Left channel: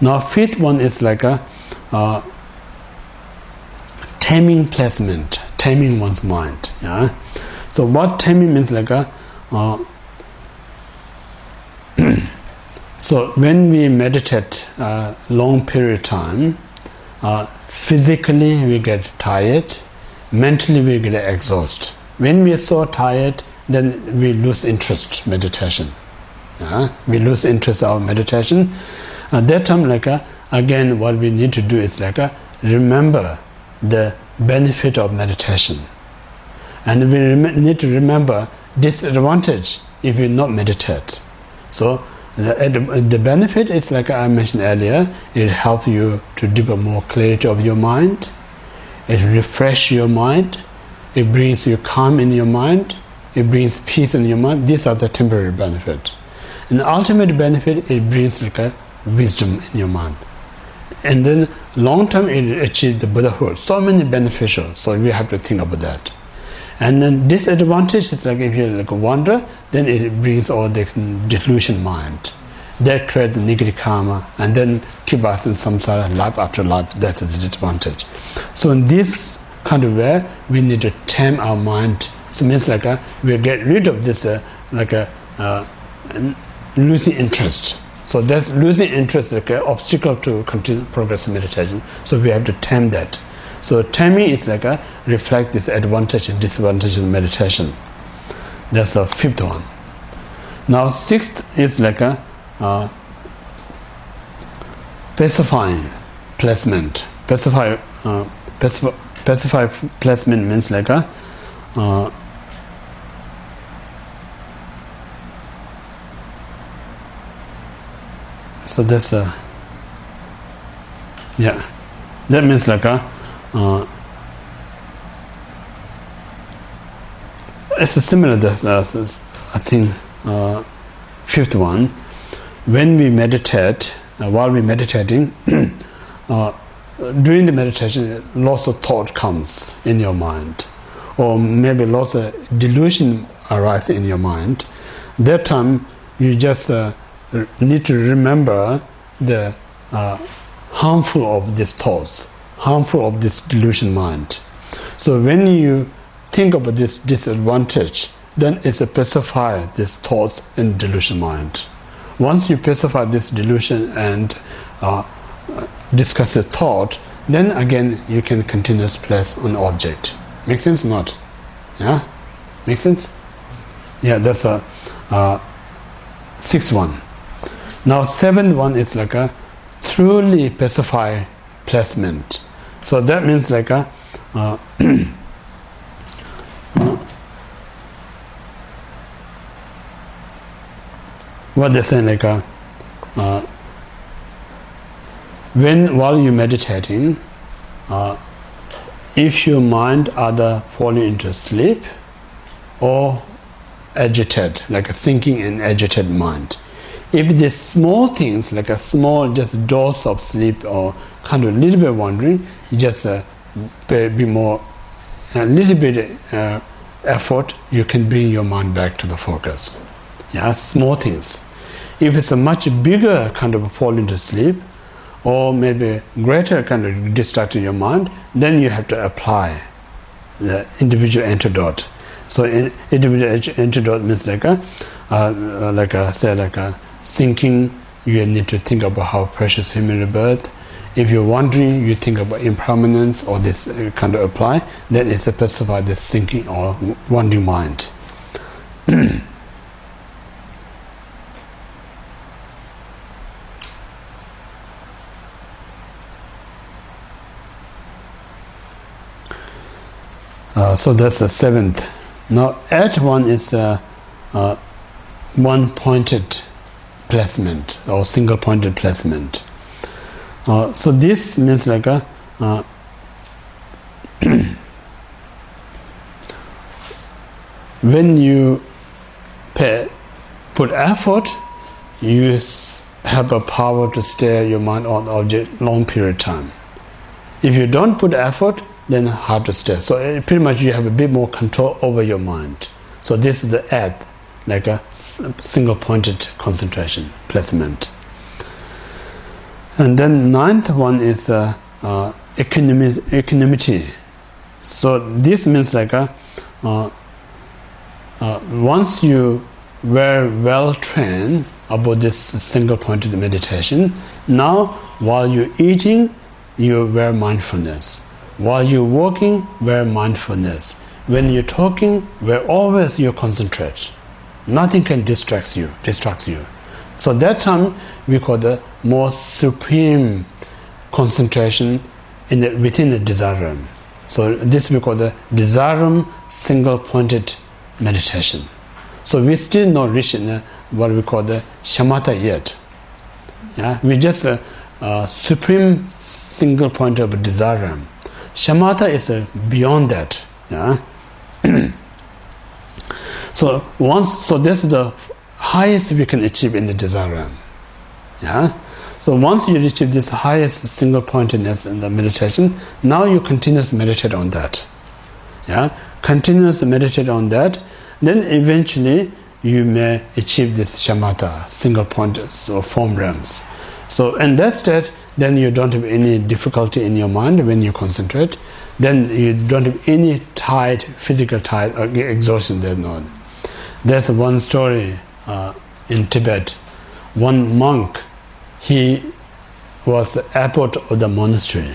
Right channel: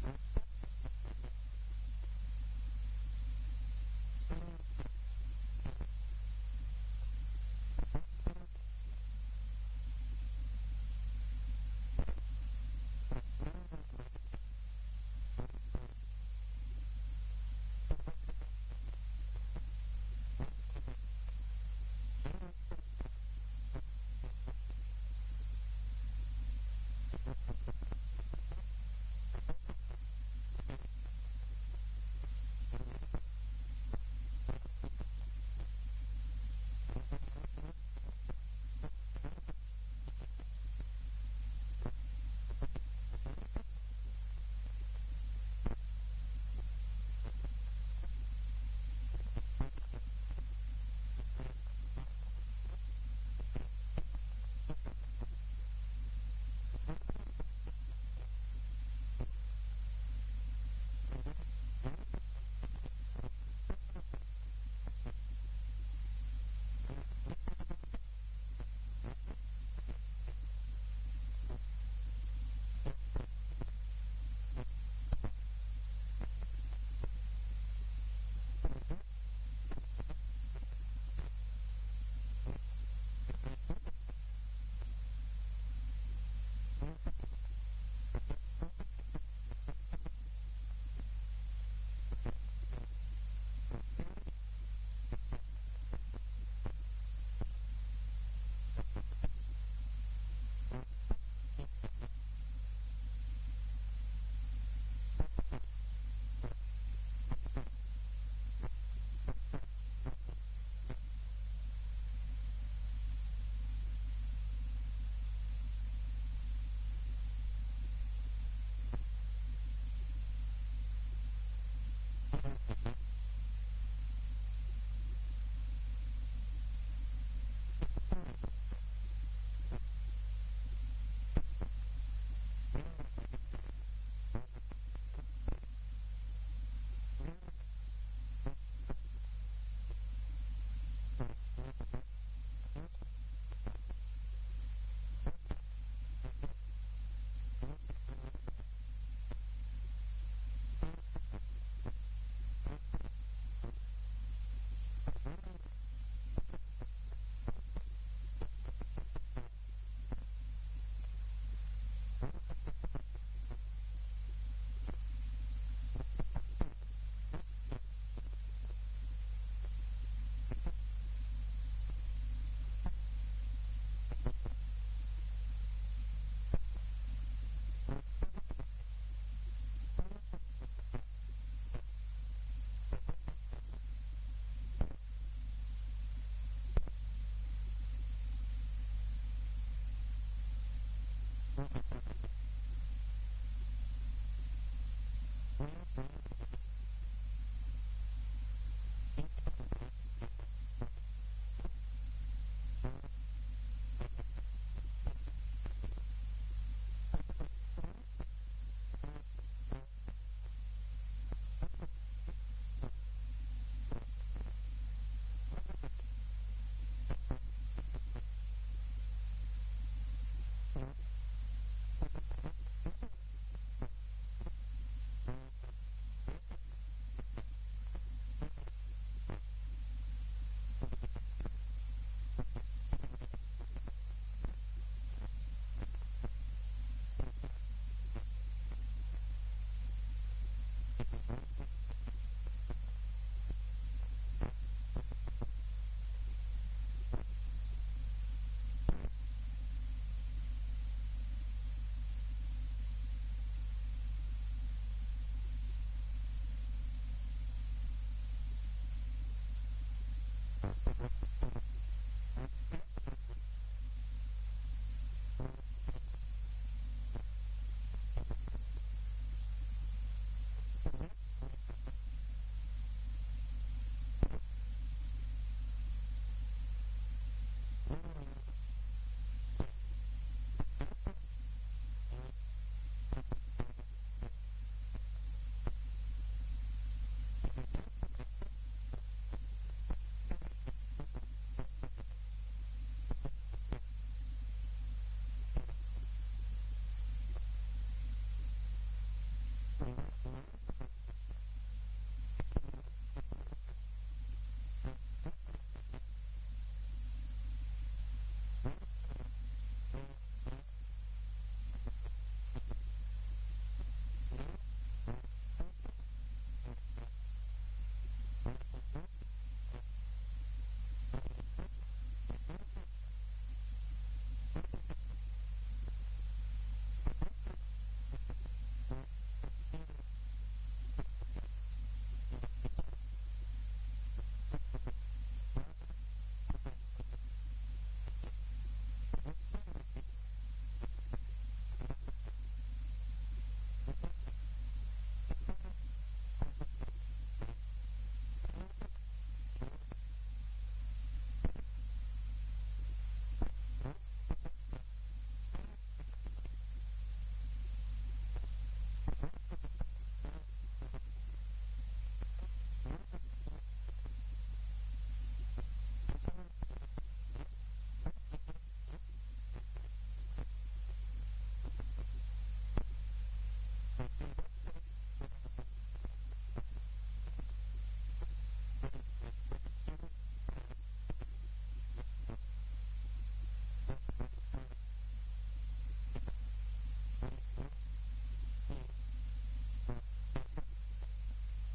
Now fifth one is like a taming placement, taming one's mind. Yeah. So what taming means like a so when we meditate long period of time, physically we get tired, mentally we get exhausted. When we are so tired, then we lose interest meditation. We lose interest of meditation. At that time, like again, what we need to do is like remember the benefit of meditation, and we need to remember disadvantage if we not meditate. So the benefit is like I mentioned earlier. It helps you to develop more clarity of your mind. It refreshes your mind. It brings you calm in your mind. It brings peace in your mind. These are the temporary benefits. And the ultimate benefit, it brings like a wisdom in your mind. And then long term, it achieves the Buddhahood. So many beneficial. So we have to think about that. And then disadvantage is like if you like wander, then it brings all the delusion mind. That creates the negative karma, and then keep us in samsara life after life. That is the disadvantage. So in this kind of way, we need to tame our mind. So it means like we get rid of this losing interest. So that's losing interest, like an obstacle to continue progress in meditation. So we have to tame that. So taming is like reflect this advantage and disadvantage of meditation. That's the fifth one. Now sixth is like specifying placement. Specify placement means like so that's yeah. That means like it's a similar. I think fifth one. When we meditate, while we're meditating, during the meditation, lots of thought comes in your mind, or maybe lots of delusion arise in your mind. That time, you just need to remember the harmful of these thoughts, harmful of this delusion mind. So when you think about this disadvantage, then it's a pacify these thoughts in delusion mind. Once you pacify this delusion and discuss the thought, then again you can continue to place on object. Make sense or not? Yeah? Make sense? Yeah, that's a sixth one. Now seventh one is like a truly pacify placement. So that means like a what they say like while you're meditating, if your mind either falling into sleep or agitated, like a thinking and agitated mind. If the small things, like a small just dose of sleep or kind of a little bit wandering, you just be more, a little bit effort, you can bring your mind back to the focus. Yeah, small things. If it's a much bigger kind of fall into sleep, or maybe greater kind of distracted your mind, then you have to apply the individual antidote. So individual antidote means like thinking, you need to think about how precious human rebirth. If you're wondering, you think about impermanence, or this kind of apply, then it's a specify this thinking or wandering mind. So that's the seventh. Now, eighth one is one-pointed placement or single-pointed placement. So this means like a when you put effort, you have a power to stay your mind on the object long period of time. If you don't put effort, then hard to stay. So pretty much you have a bit more control over your mind. So this is the eighth, like a single-pointed concentration placement. And then ninth one is equanimity. So this means like once you were well trained about this single pointed meditation, now while you're eating, you wear mindfulness. While you're walking, wear mindfulness. When you're talking, where always you concentrate. Nothing can distract you. So that time we call the more supreme concentration within the Desirum. So this we call the Desirum single-pointed meditation. So we still not reached in what we call the Shamatha yet. Yeah, we just supreme single point of Desirum. Shamatha is beyond that. Yeah. So this is the highest we can achieve in the Desirum. Yeah. So once you achieve this highest single pointedness in the meditation, now you continuously meditate on that. Yeah. Continuously meditate on that, then eventually you may achieve this shamatha, single point or form realms. So in that state, then you don't have any difficulty in your mind when you concentrate. Then you don't have any physical tide or exhaustion there. No. There's one story in Tibet. One monk, he was the abbot of the monastery.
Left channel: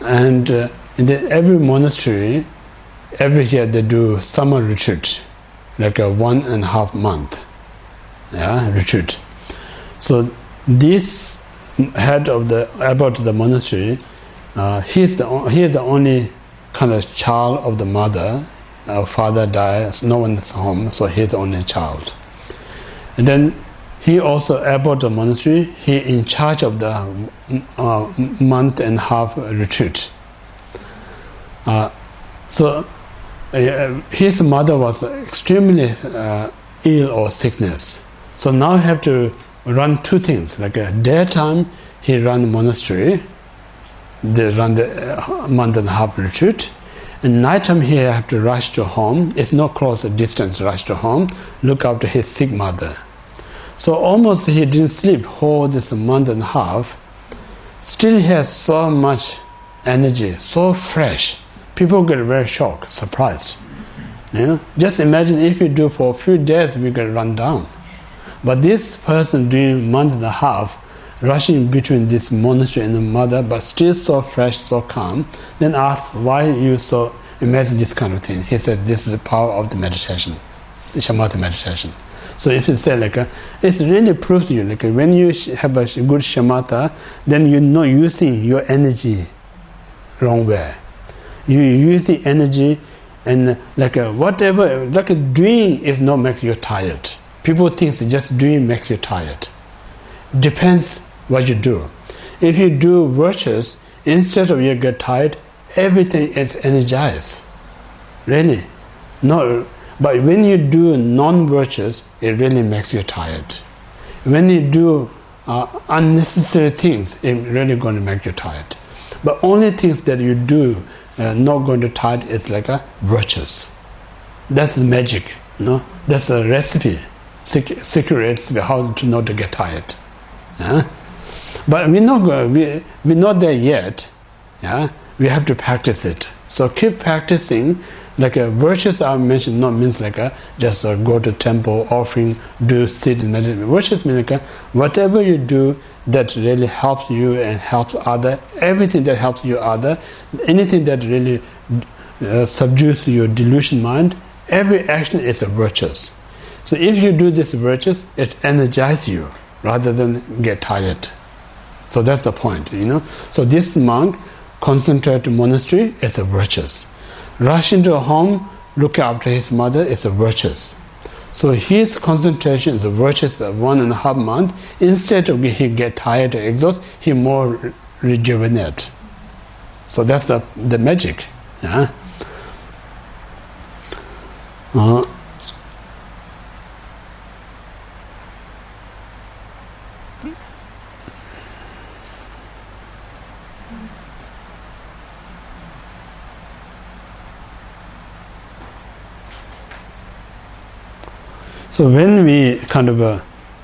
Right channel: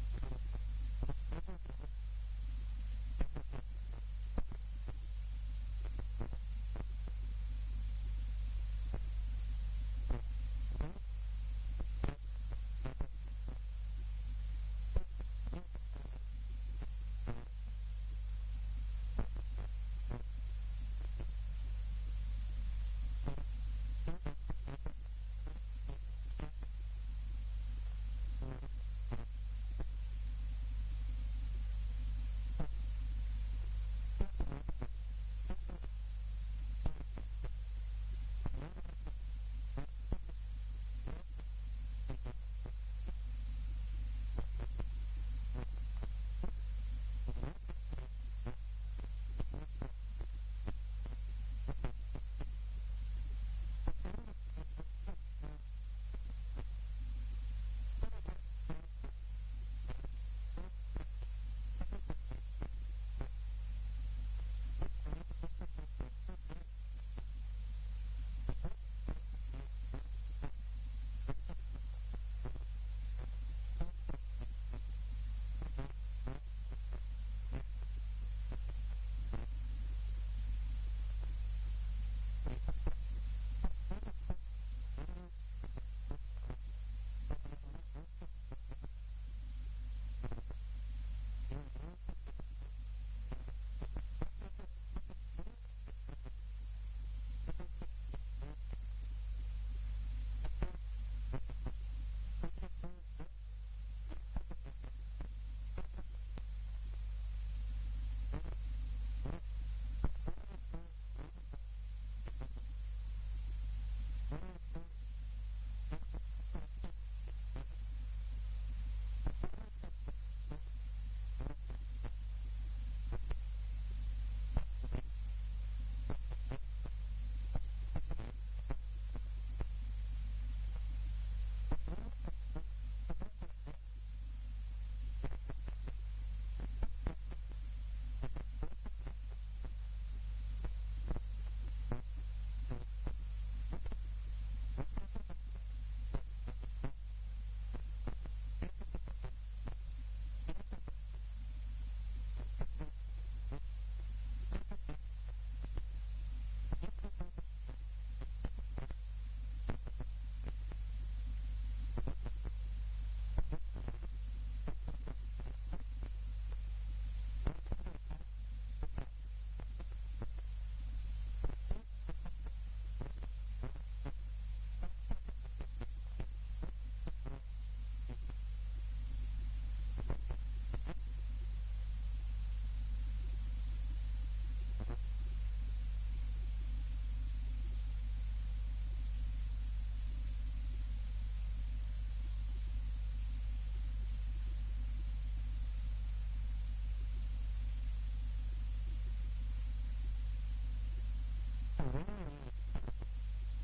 And in every monastery, every year they do summer retreat, like a 1.5 month retreat. So this head of the abbot of the monastery, he is the only kind of child of the mother. Our father died, no one is home, so he's the only child. And then he also abbot of the monastery. He in charge of the 1.5 retreat. So his mother was extremely ill or sickness. So now he have to run two things. Like daytime, he run the monastery. They run the 1.5 retreat. And nighttime, he have to rush to home. It's not close a distance. Rush to home, look after his sick mother. So almost he didn't sleep whole this 1.5. Still he has so much energy, so fresh. People get very shocked, surprised. You know? Just imagine if you do for a few days, we get run down. But this person doing 1.5, rushing between this monastery and the mother, but still so fresh, so calm, then ask why you so imagine this kind of thing. He said this is the power of the meditation, the shamatha meditation. So if you say like, it really proves to you, like when you have a good shamatha, then you're not using your energy wrong way. You use the energy and like whatever, like doing is not make you tired. People think just doing makes you tired. Depends what you do. If you do virtues, instead of you get tired, everything is energized. Really. No. But when you do non-virtues, it really makes you tired. When you do unnecessary things, it's really going to make you tired. But only things that you do not going to tired is like a virtues. That's the magic, you know. That's a recipe, secret recipe how to not to get tired. Yeah? But we're not there yet. Yeah, we have to practice it. So keep practicing. Like virtues I mentioned not means like just go to temple, offering, do sit and meditate. Virtues mean like whatever you do that really helps you and helps other, everything that helps you other, anything that really subdues your delusion mind, every action is a virtues. So if you do this virtues, it energizes you rather than get tired. So that's the point, you know. So this monk concentrated monastery is a virtues. Rush into a home, look after his mother is a virtuous. So his concentration is a virtuous 1.5 months. Instead of he get tired or exhausted, he more rejuvenate. So that's the magic. Yeah. So when we kind of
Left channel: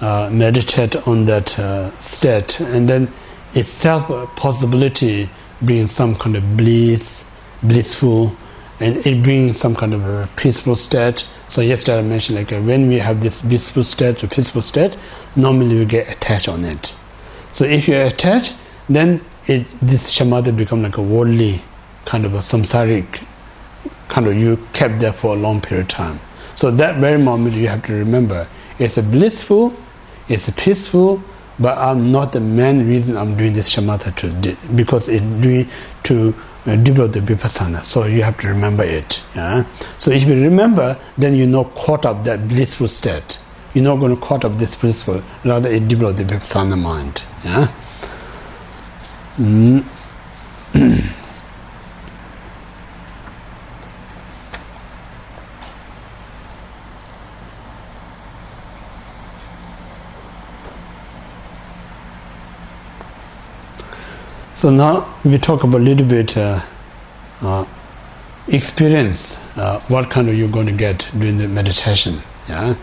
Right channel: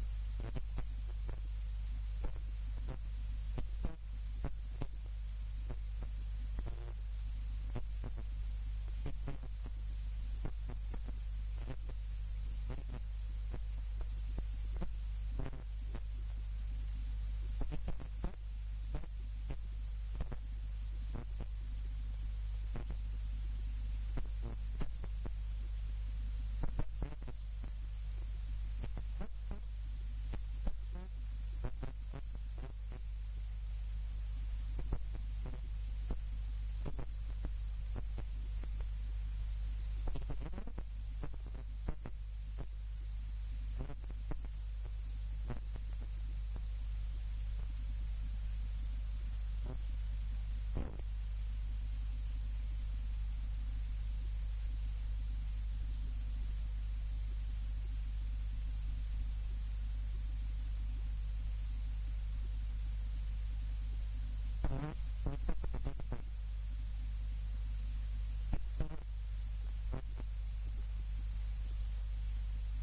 meditate on that state, and then itself a possibility brings some kind of blissful, and it brings some kind of a peaceful state. So yesterday I mentioned like when we have this blissful state or peaceful state, normally we get attached on it. So if you're attached, then this shamatha becomes like a worldly kind of a samsaric kind of, you kept there for a long period of time. So that very moment you have to remember, it's a blissful, it's a peaceful, but I'm not the main reason I'm doing this shamatha because it's doing to develop the vipassana. So you have to remember it. Yeah? So if you remember, then you're not caught up that blissful state. You're not going to caught up this blissful, rather it develops the vipassana mind. Yeah? So now we talk about a little bit experience, what kind of you're going to get during the meditation. Yeah?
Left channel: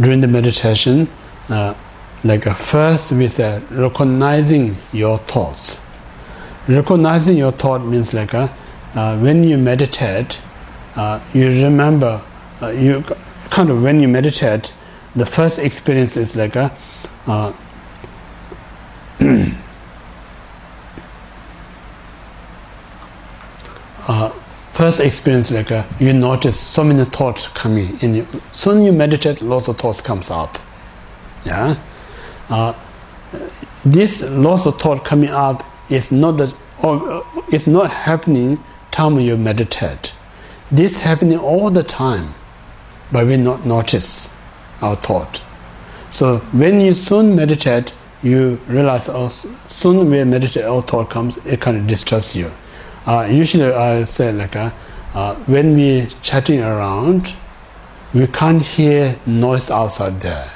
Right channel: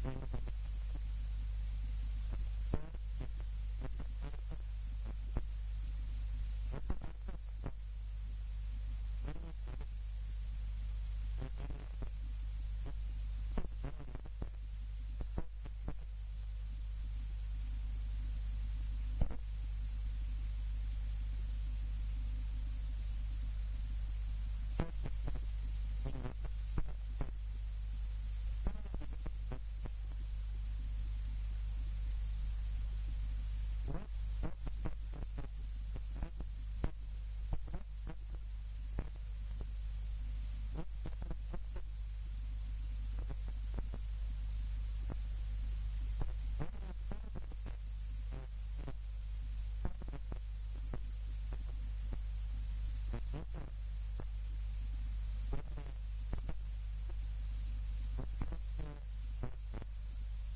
During the meditation, first we say recognizing your thoughts. Recognizing your thought means when you meditate, you remember, you kind of when you meditate, the first experience is first experience you notice so many thoughts coming in you. Soon you meditate, lots of thoughts comes up. Yeah, this lots of thought coming up is not that, or it's not happening time you meditate. This happening all the time, but we not notice our thought. So when you soon meditate, you realize, soon we meditate, our thought comes, it kind of disturbs you. Usually I say when we chatting around, we can't hear noise outside there.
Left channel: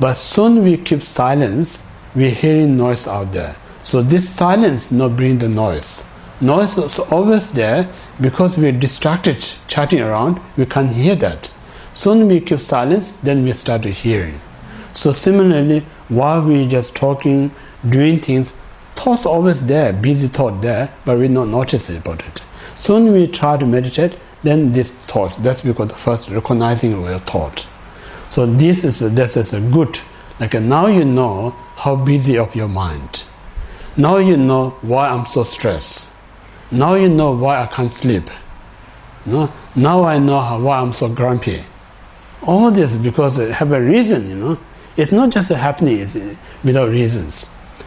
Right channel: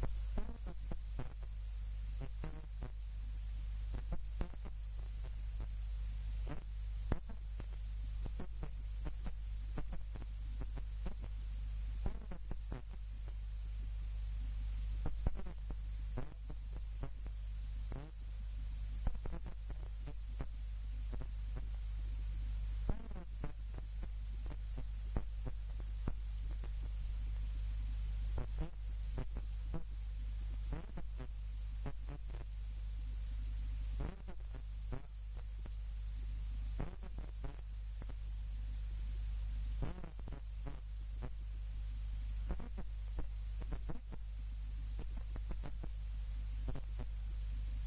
But soon we keep silence, we're hearing noise out there. So this silence not bring the noise. Noise is always there because we're distracted chatting around, we can't hear that. Soon we keep silence, then we start hearing. So similarly, while we're just talking, doing things, thoughts always there, busy thought there, but we not notice about it. Soon we try to meditate, then this thought, that's because the first recognizing your thought. So this is a good, now you know how busy of your mind. Now you know why I'm so stressed. Now you know why I can't sleep. Now I know why I'm so grumpy. All this because it have a reason, It's not just happening without reasons.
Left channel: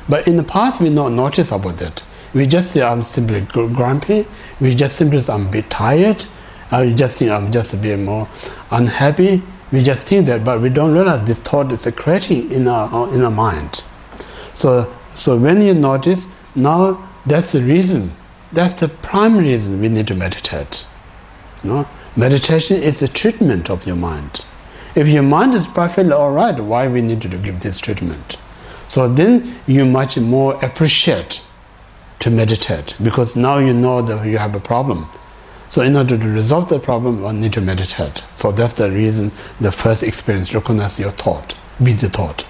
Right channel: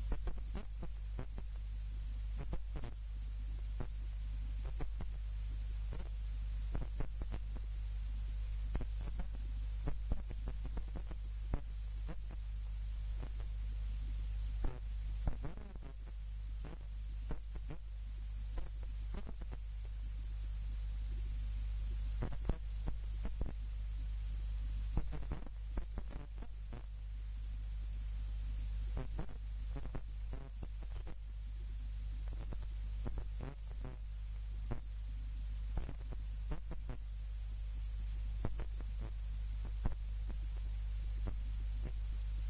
But in the past we not notice about that. We just say I'm simply grumpy. We just simply say I'm a bit tired. We just think I'm just a bit more unhappy. We just think that, but we don't realize this thought is creating in our mind. So when you notice, now that's the reason. That's the prime reason we need to meditate. Meditation is the treatment of your mind. If your mind is perfectly all right, why we need to give this treatment? So then you much more appreciate to meditate, because now you know that you have a problem. So in order to resolve the problem, one need to meditate. So that's the reason the first experience, recognize your thought, busy thought.